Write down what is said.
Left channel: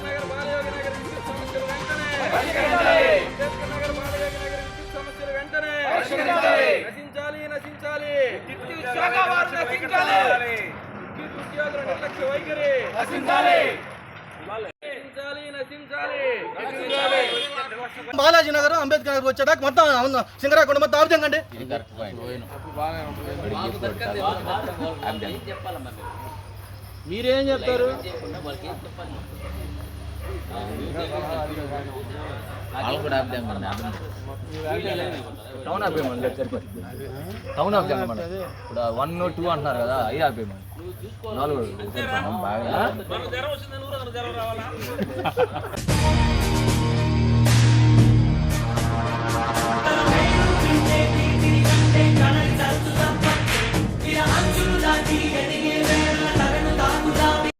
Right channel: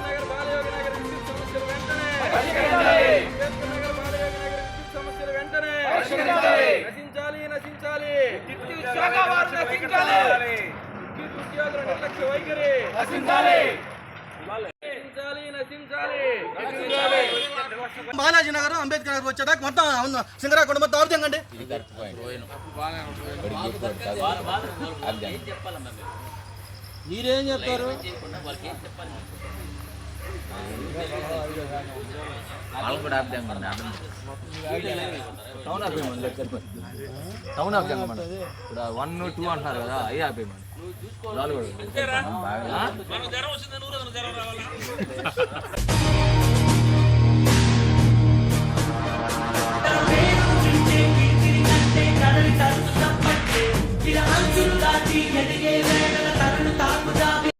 అంబేద్కర్ నగర్ బాలయోగి నగర్ విద్యుత్ సమస్యలు వెంటనే అంబేద్కర్ నగర్ బాలయోగి నగర్ విద్యుత్ సమస్యలు వెంటనే నశించాలి నశించాలి విద్యుత్ శాఖ వారు నశించాలి విద్యుత్ ఉద్యోగుల నిర్లక్ష్య వైఖరి నశించాలి నశించాలి నశించాలి నశించాలి బాలాజీ నగర్ అంబేద్కర్ నగర్ వచ్చేదాకా మొత్తం సింగరాకొండ మొత్తం ఆపుతండి. మీరేం చెప్తారు? టౌన్ ఆపేయమని టౌన్ ఆపేయమని ఇప్పుడు 1, 2 అంటున్నారు కదా, అవి ఆపేయమని 4 బాగా ఇలా అంచులు దాటి ఎదిగే వేళ